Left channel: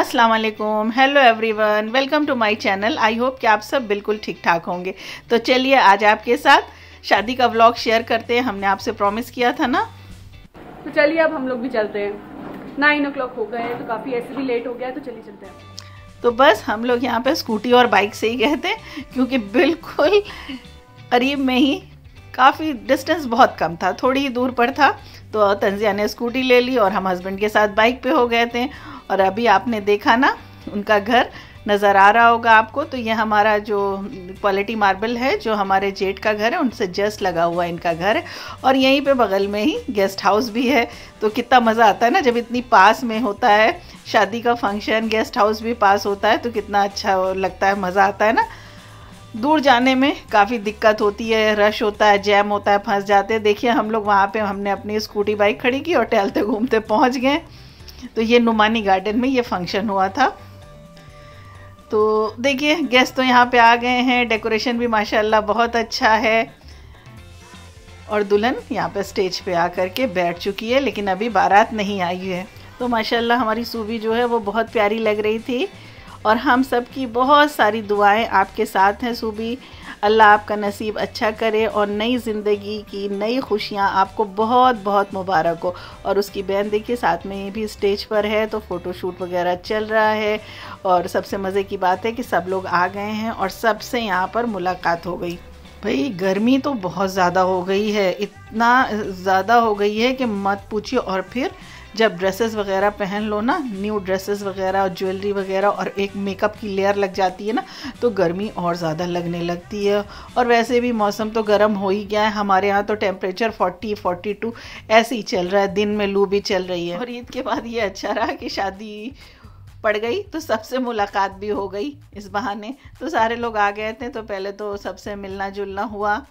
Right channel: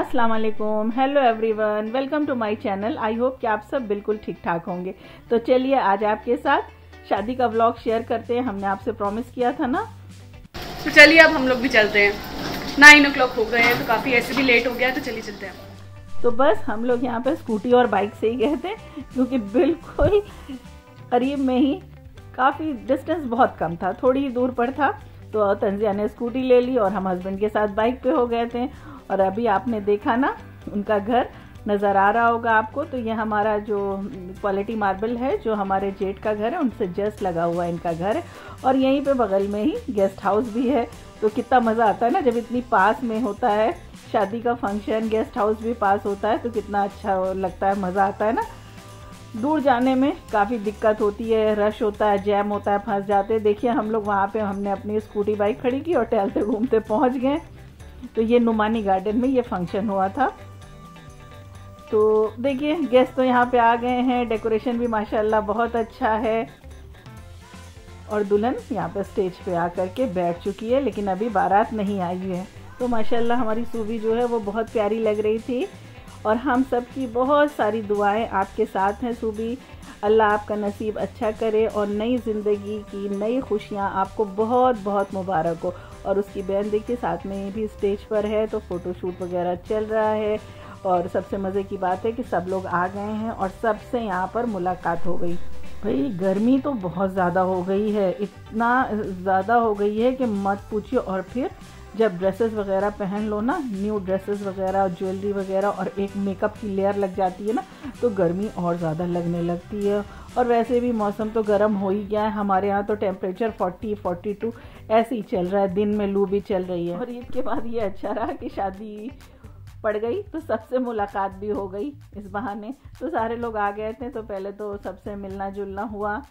अस्सलाम वालेकुम, hello everyone, welcome to my channel. I hope कि आप सब बिल्कुल ठीक ठाक होंगे। तो चलिए आज आपके साथ शादी का व्लॉग शेयर करते हैं। हमने आपसे प्रॉमिस किया था ना। तो चलिए अब हम लोग भी चलते हैं। 9 o'clock हो गए हैं तो काफ़ी ऐसे भी लेट हो गया है, तो चलिए चलते हैं। तो बस हम लोग यहाँ पे स्कूटी और बाइक से ही गए थे क्योंकि बिल्कुल करीब में ही, काफ़ी डिस्टेंस बहुत कम था, थोड़ी ही दूर पर था। तो तंजिया ने स्कूटी ले ली और हम हस्बैंड के साथ बाइक पे हो गए थे। और अभी आपने देखा ना, उनका घर नज़र आ रहा होगा आपको। तो ये हमारा जो क्वालिटी मार्बल है, जो हमारे जेठ का घर है, उनसे जस्ट लगा हुआ इनका घर है। और यहीं पे बगल में ही गेस्ट हाउस भी है। तो कितना मज़ा आता है ना जब इतनी पास में होता है शादी का फंक्शन, गेस्ट हाउस भी पास होता है, तो कितना अच्छा लगता है, मज़ा आता है ना। दूर जाने में काफ़ी दिक्कत होती है, रश होता है, जैम होता है, फंस जाते हैं। देखिए हम लोग वहाँ पे हमने अपनी स्कूटी बाइक खड़ी की और टहलते घूमते पहुँच गए। तो ये नुमानी गार्डन में ये फंक्शन हुआ था। तो देखिए गेस्ट तो यहाँ पे आ गए हैं, डेकोरेशन भी माशाल्लाह बहुत अच्छा है। और दुल्हन यहाँ पे स्टेज पे आकर के बैठ चुकी है, लेकिन अभी बारात नहीं आई है। तो माशाल्लाह हमारी सूबी जो है वो बहुत प्यारी लग रही थी। और हम सब की बहुत सारी दुआएं आपके साथ हैं सूबी। अल्लाह आपका नसीब अच्छा करे और नई ज़िंदगी की नई खुशियाँ आपको बहुत बहुत मुबारक हो। और उसकी बहन देखिए साथ में ये भी स्टेज पर है, तो फ़ोटोशूट वगैरह चल रहा है। और सबसे मज़े की बात है कि सब लोग आ गए हैं और सबसे यहाँ पर मुलाकात हो गई। भाई गर्मी तो बहुत ज़्यादा हो गई है, इतना ज़्यादा हो गई है कि मत पूछिए। और फिर जब ड्रेसेस वगैरह पहन लो ना, न्यू ड्रेसेस वगैरह और ज्वेलरी वगैरह, और एक मेकअप की लेयर लग जाती है ना, तो गर्मी और ज़्यादा लगने लगती है। और वैसे भी मौसम तो गर्म हो ही गया है। हमारे यहाँ तो टेम्परेचर 40-42 ऐसे ही चल रहा है, दिन में लू भी चल रही है। और ईद के बाद ये अच्छा रहा कि शादी पड़ गई तो सबसे मुलाकात भी हो गई इस बहाने। तो सारे लोग आ गए थे, तो पहले तो सबसे मिलना जुलना हुआ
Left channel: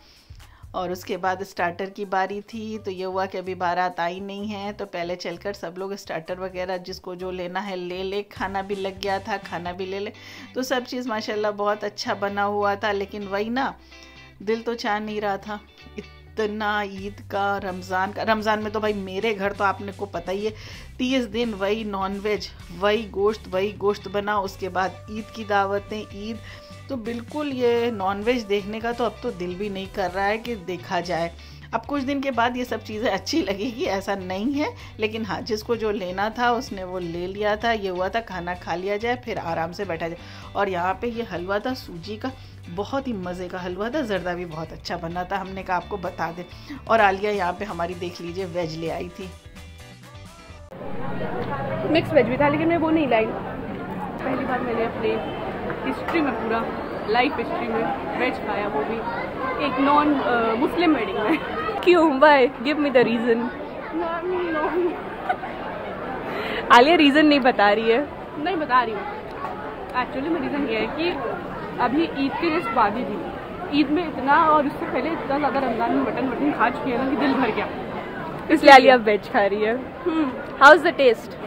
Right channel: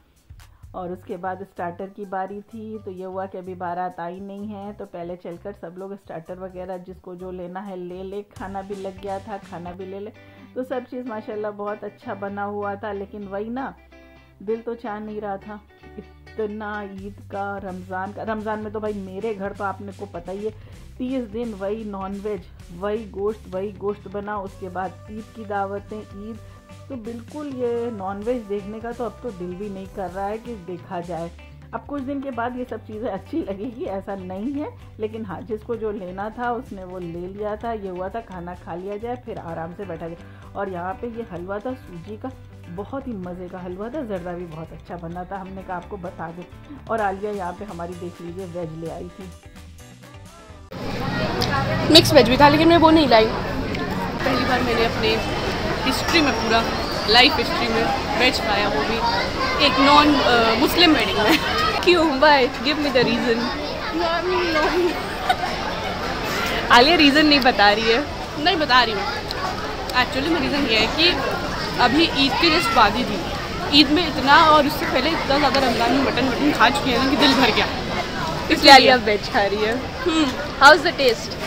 और उसके बाद स्टार्टर की बारी थी। तो ये हुआ कि अभी बारात आई नहीं है, तो पहले चलकर सब लोग स्टार्टर वगैरह जिसको जो लेना है ले ले। खाना भी लग गया था, खाना भी ले ले। तो सब चीज़ माशाल्लाह बहुत अच्छा बना हुआ था। लेकिन वही ना, दिल तो चाह नहीं रहा था इतना ईद का, रमज़ान में तो भाई मेरे घर तो आपने को पता ही है 30 दिन वही नॉनवेज, वही गोश्त बना। उसके बाद ईद की दावतें, ईद, तो बिल्कुल ये नॉनवेज देखने का तो अब तो दिल भी नहीं कर रहा है कि देखा जाए। अब कुछ दिन के बाद ये सब चीज़ें अच्छी लगेगी, ऐसा नहीं है। लेकिन हाँ, जिसको जो लेना था उसने वो ले लिया था। ये हुआ था खाना खा लिया जाए, फिर आराम से बैठा जाए। और यहाँ पे ये हलवा था सूजी का, बहुत ही मज़े का हलवा था। जर्दा भी बहुत अच्छा बना था, हमने कहा आपको बता दें। और आलिया यहाँ पे हमारी देख लीजिए वेज ले आई थी। मिक्स वेज भी था, लेकिन मैं वो नहीं लाई। पहली बार मैंने अपने हिस्ट्री में, पूरा लाइफ हिस्ट्री में वेज खाया, वो भी एक नॉन मुस्लिम वेडिंग में। क्यों? Bye, give me the reason. Alia reason नहीं बता रही है। नहीं बता रही मैं। एक्चुअली में रीज़न ये है कि अभी ईद के जस्ट बाद ही थी। ईद में इतना, और उससे पहले इतना ज़्यादा रमज़ान में मटन खा चुकी है ना कि दिल भर गया, इसलिए आलिया वेज खा रही है। How is the test?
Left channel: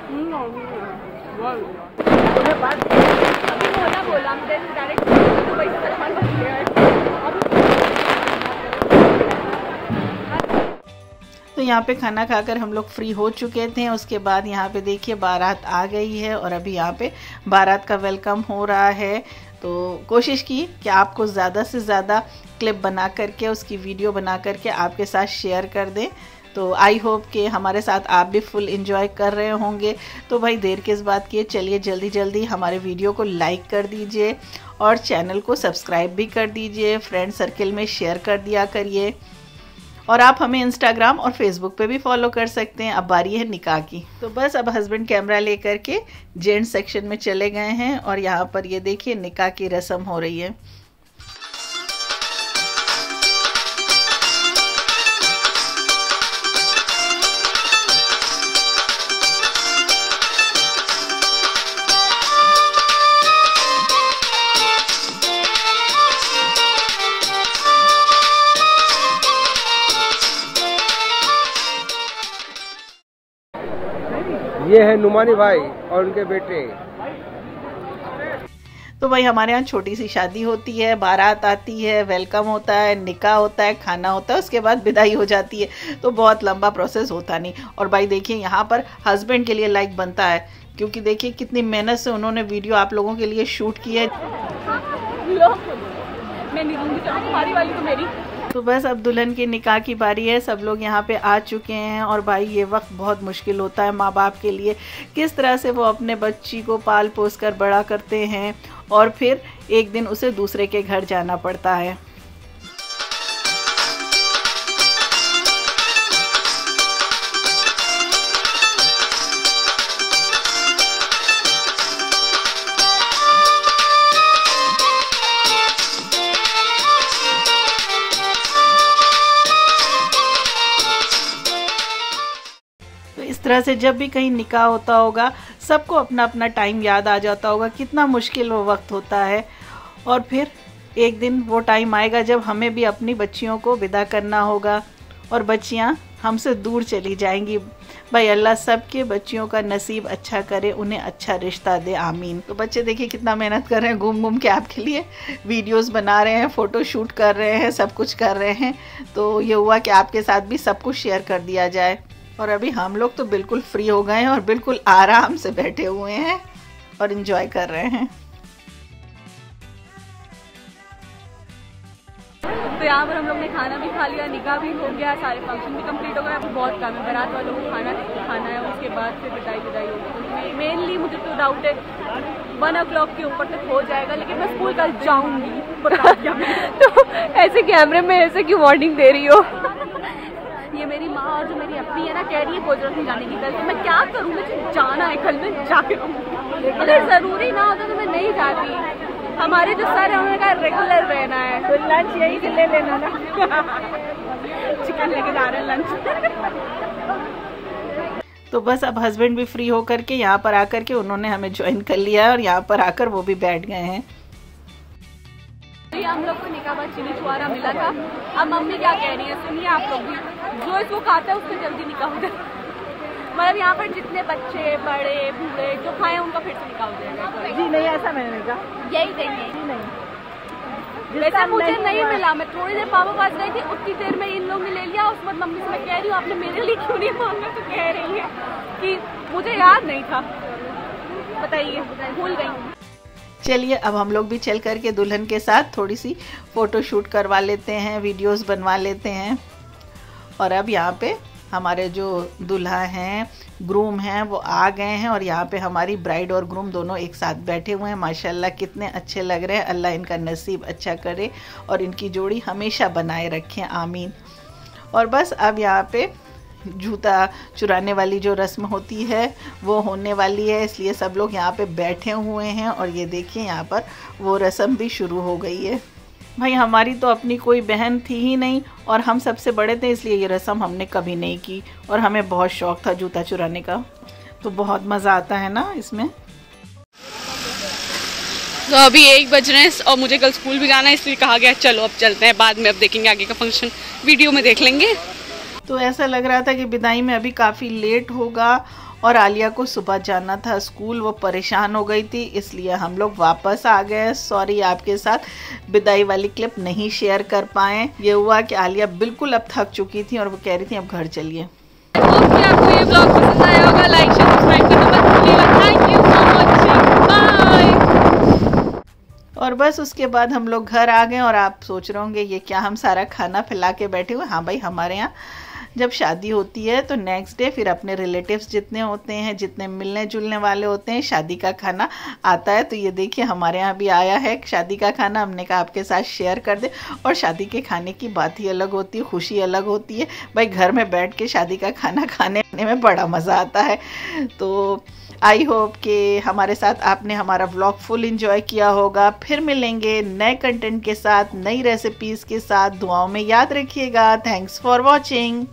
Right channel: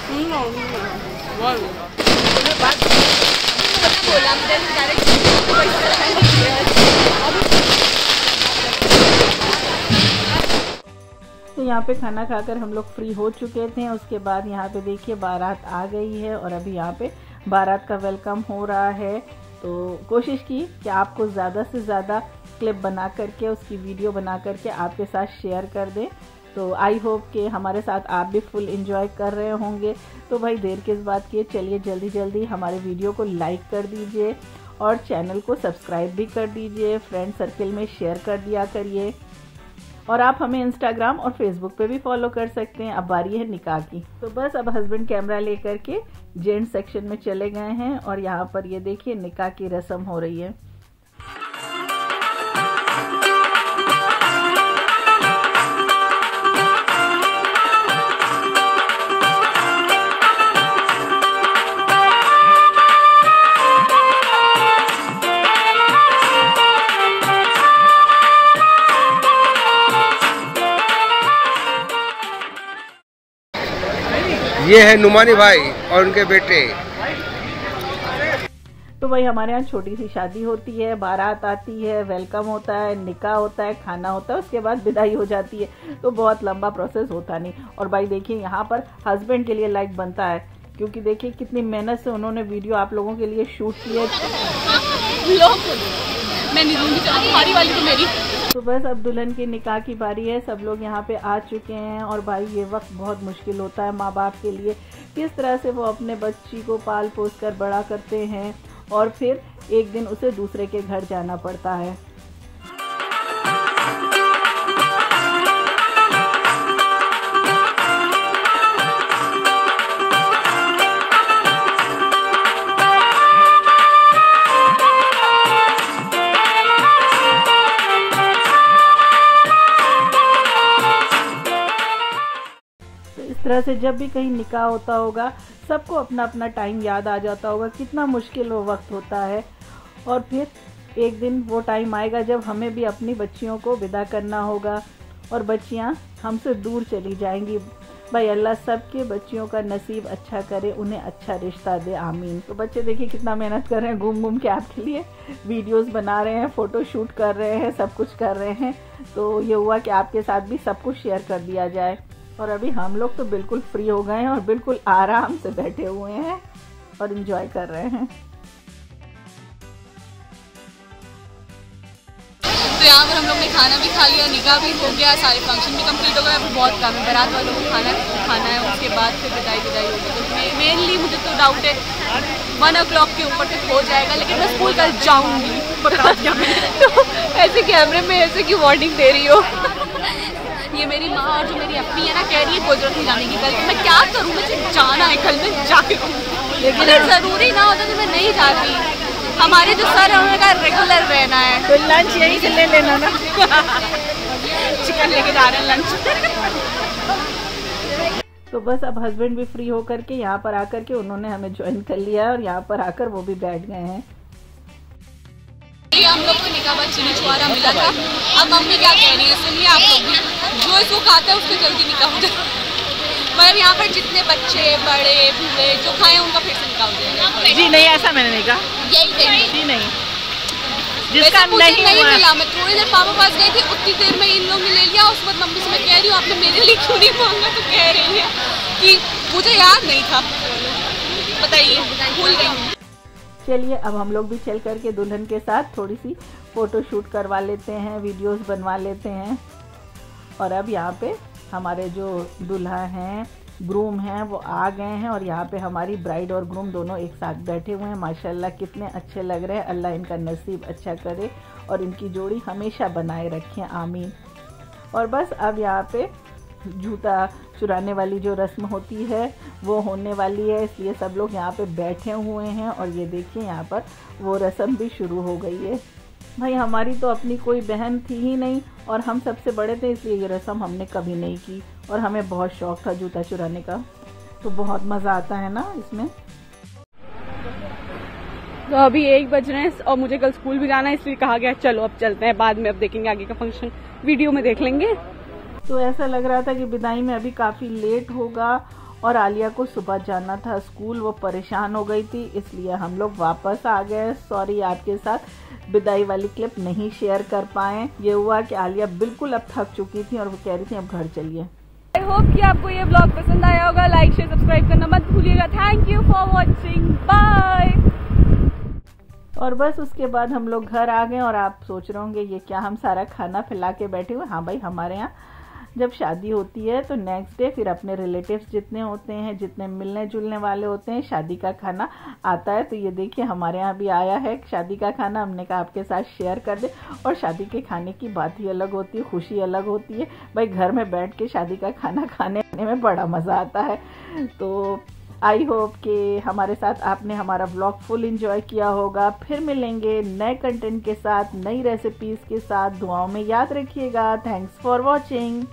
तो यहाँ पे खाना खाकर हम लोग फ्री हो चुके थे। उसके बाद यहाँ पे देखिए बारात आ गई है और अभी यहाँ पे बारात का वेलकम हो रहा है। तो कोशिश की कि आपको ज़्यादा से ज़्यादा क्लिप बना करके, उसकी वीडियो बना करके आपके साथ शेयर कर दें। तो आई होप कि हमारे साथ आप भी फुल एंजॉय कर रहे होंगे। तो भाई देर किस बात की है, चलिए जल्दी जल्दी हमारे वीडियो को लाइक कर दीजिए और चैनल को सब्सक्राइब भी कर दीजिए। फ्रेंड सर्किल में शेयर कर दिया करिए। और आप हमें इंस्टाग्राम और फेसबुक पे भी फॉलो कर सकते हैं। अब बारी है निकाह की। तो बस अब हस्बैंड कैमरा लेकर के जेंट्स सेक्शन में चले गए हैं और यहाँ पर ये देखिए निकाह की रस्म हो रही है। ये है नुमानी भाई और उनके बेटे। तो भाई हमारे यहाँ छोटी सी शादी होती है, बारात आती है, वेलकम होता है, निकाह होता है, खाना होता है, उसके बाद विदाई हो जाती है। तो बहुत लंबा प्रोसेस होता नहीं। और भाई देखिए यहाँ पर हस्बैंड के लिए लाइक बनता है क्योंकि देखिए कितनी मेहनत से उन्होंने वीडियो आप लोगों के लिए शूट किया है। मैं नहीं दूंगी, चलो तुम्हारी वाली तो मेरी। तो बस अब दुल्हन की निकाह की बारी है, सब लोग यहाँ पे आ चुके हैं। और भाई ये वक्त बहुत मुश्किल होता है माँ बाप के लिए, किस तरह से वो अपने बच्ची को पाल पोस कर बड़ा करते हैं और फिर एक दिन उसे दूसरे के घर जाना पड़ता है। इस तरह से जब भी कहीं निकाह होता होगा सबको अपना अपना टाइम याद आ जाता होगा, कितना मुश्किल वो वक्त होता है। और फिर एक दिन वो टाइम आएगा जब हमें भी अपनी बच्चियों को विदा करना होगा और बच्चियां हमसे दूर चली जाएंगी। भाई अल्लाह सबके बच्चियों का नसीब अच्छा करे, उन्हें अच्छा रिश्ता दे, आमीन। तो बच्चे देखिए कितना मेहनत कर रहे हैं, घूम घूम के आपके लिए वीडियोस बना रहे हैं, फ़ोटो शूट कर रहे हैं, सब कुछ कर रहे हैं। तो ये हुआ कि आपके साथ भी सब कुछ शेयर कर दिया जाए। और अभी हम लोग तो बिल्कुल फ्री हो गए हैं और बिल्कुल आराम से बैठे हुए हैं और एंजॉय कर रहे हैं। तो यहाँ पर हम लोग ने खाना भी खा लिया, निकाह भी हो गया, सारे फंक्शन भी कंप्लीट हो गए। अभी बहुत काम है, बारात वालों को खाना है, उसके बाद फिर विदाई होगी। तो मेनली मुझे तो डाउट है 1 o'clock के ऊपर तक हो जाएगा, लेकिन मैं स्कूल कल जाऊँगी, बता दिया मैंने। तो ऐसे कैमरे में ऐसे क्यों वार्निंग दे रही हो? ये मेरी माँ और जो मेरी अपनी है ना, कह रही है कोई जरूरत नहीं जाने की कल। तो मैं क्या करूँ, मुझे जाना है कल, मैं जाके रहूँगी। अगर ज़रूरी ना होता तो मैं नहीं जाती। हमारे जो सर है उन्होंने कहा रेगुलर रहना है। तो लंच यहीं से ले लेना ना। चिकन लेके जा रहे हैं लंच। तो बस अब हस्बैंड भी फ्री होकर के यहाँ पर आकर के उन्होंने हमें ज्वाइन कर लिया है और यहाँ पर आकर वो भी बैठ गए हैं। हम लोग को निकाह बाद चीनी छुआरा मिला था। अब मम्मी क्या कह रही है सुनिए आप लोग भी, जो इसको खाता है उसको जल्दी निकाह हो जाए। मतलब यहाँ पर जितने बच्चे बड़े बूढ़े जो खाए उनका फिर से निकाह हो जाएगा। जी नहीं, ऐसा मैंने नहीं कहा। यही कही जी नहीं, वैसे मुझे नहीं मिला। मैं थोड़ी देर पापा पास गई थी, उतनी देर में इन लोगों ने ले लिया। उसके बाद मम्मी से मैं कह रही हूँ आपने मेरे लिए क्यों नहीं मांगा, तो कह रही है कि मुझे याद नहीं था, बताइए भूल गई हूँ। चलिए अब हम लोग भी चल करके दुल्हन के साथ थोड़ी सी फ़ोटो शूट करवा लेते हैं, वीडियोस बनवा लेते हैं। और अब यहाँ पे हमारे जो दूल्हा हैं, ग्रूम हैं, वो आ गए हैं और यहाँ पे हमारी ब्राइड और ग्रूम दोनों एक साथ बैठे हुए हैं। माशाल्लाह कितने अच्छे लग रहे हैं। अल्लाह इनका नसीब अच्छा करे और इनकी जोड़ी हमेशा बनाए रखें, आमीन। और बस अब यहाँ पे जूता चुराने वाली जो रस्म होती है वो होने वाली है, इसलिए सब लोग यहाँ पे बैठे हुए हैं। और ये देखिए यहाँ पर वो रस्म भी शुरू हो गई है। भाई हमारी तो अपनी कोई बहन थी ही नहीं और हम सबसे बड़े थे, इसलिए ये रस्म हमने कभी नहीं की और हमें बहुत शौक़ था जूता चुराने का। तो बहुत मज़ा आता है ना इसमें। तो अभी 1 बज रहे हैं और मुझे कल स्कूल भी जाना है, इसलिए कहा गया चलो अब चलते हैं, बाद में अब देखेंगे आगे का फंक्शन, वीडियो में देख लेंगे। तो ऐसा लग रहा था कि विदाई में अभी काफ़ी लेट होगा और आलिया को सुबह जाना था स्कूल, वो परेशान हो गई थी, इसलिए हम लोग वापस आ गए। सॉरी आपके साथ विदाई वाली क्लिप नहीं शेयर कर पाए। ये हुआ कि आलिया बिल्कुल अब थक चुकी थी और वो कह रही थी अब घर चलिए। होप कि आपको ये ब्लॉग पसंद आया होगा। लाइक शेयर सब्सक्राइब करना मत भूलिएगा। Thank you so much, bye. और बस उसके बाद हम लोग घर आ गए और आप सोच रहे होंगे ये क्या हम सारा खाना फैला के बैठे हुए। हाँ भाई, हमारे यहाँ जब शादी होती है तो नेक्स्ट डे फिर अपने रिलेटिव्स जितने होते हैं, जितने मिलने जुलने वाले होते हैं, शादी का खाना आता है। तो ये देखिए हमारे यहाँ भी आया है शादी का खाना, हमने कहा आपके साथ शेयर कर दे। और शादी के खाने की बात ही अलग होती है, खुशी अलग होती है भाई। घर में बैठ के शादी का खाना खाने में बड़ा मज़ा आता है। तो आई होप कि हमारे साथ आपने हमारा व्लॉग फुल एंजॉय किया होगा। फिर मिलेंगे नए कंटेंट के साथ, नई रेसिपीज़ के साथ। दुआओं में याद रखिएगा। Thanks for watching.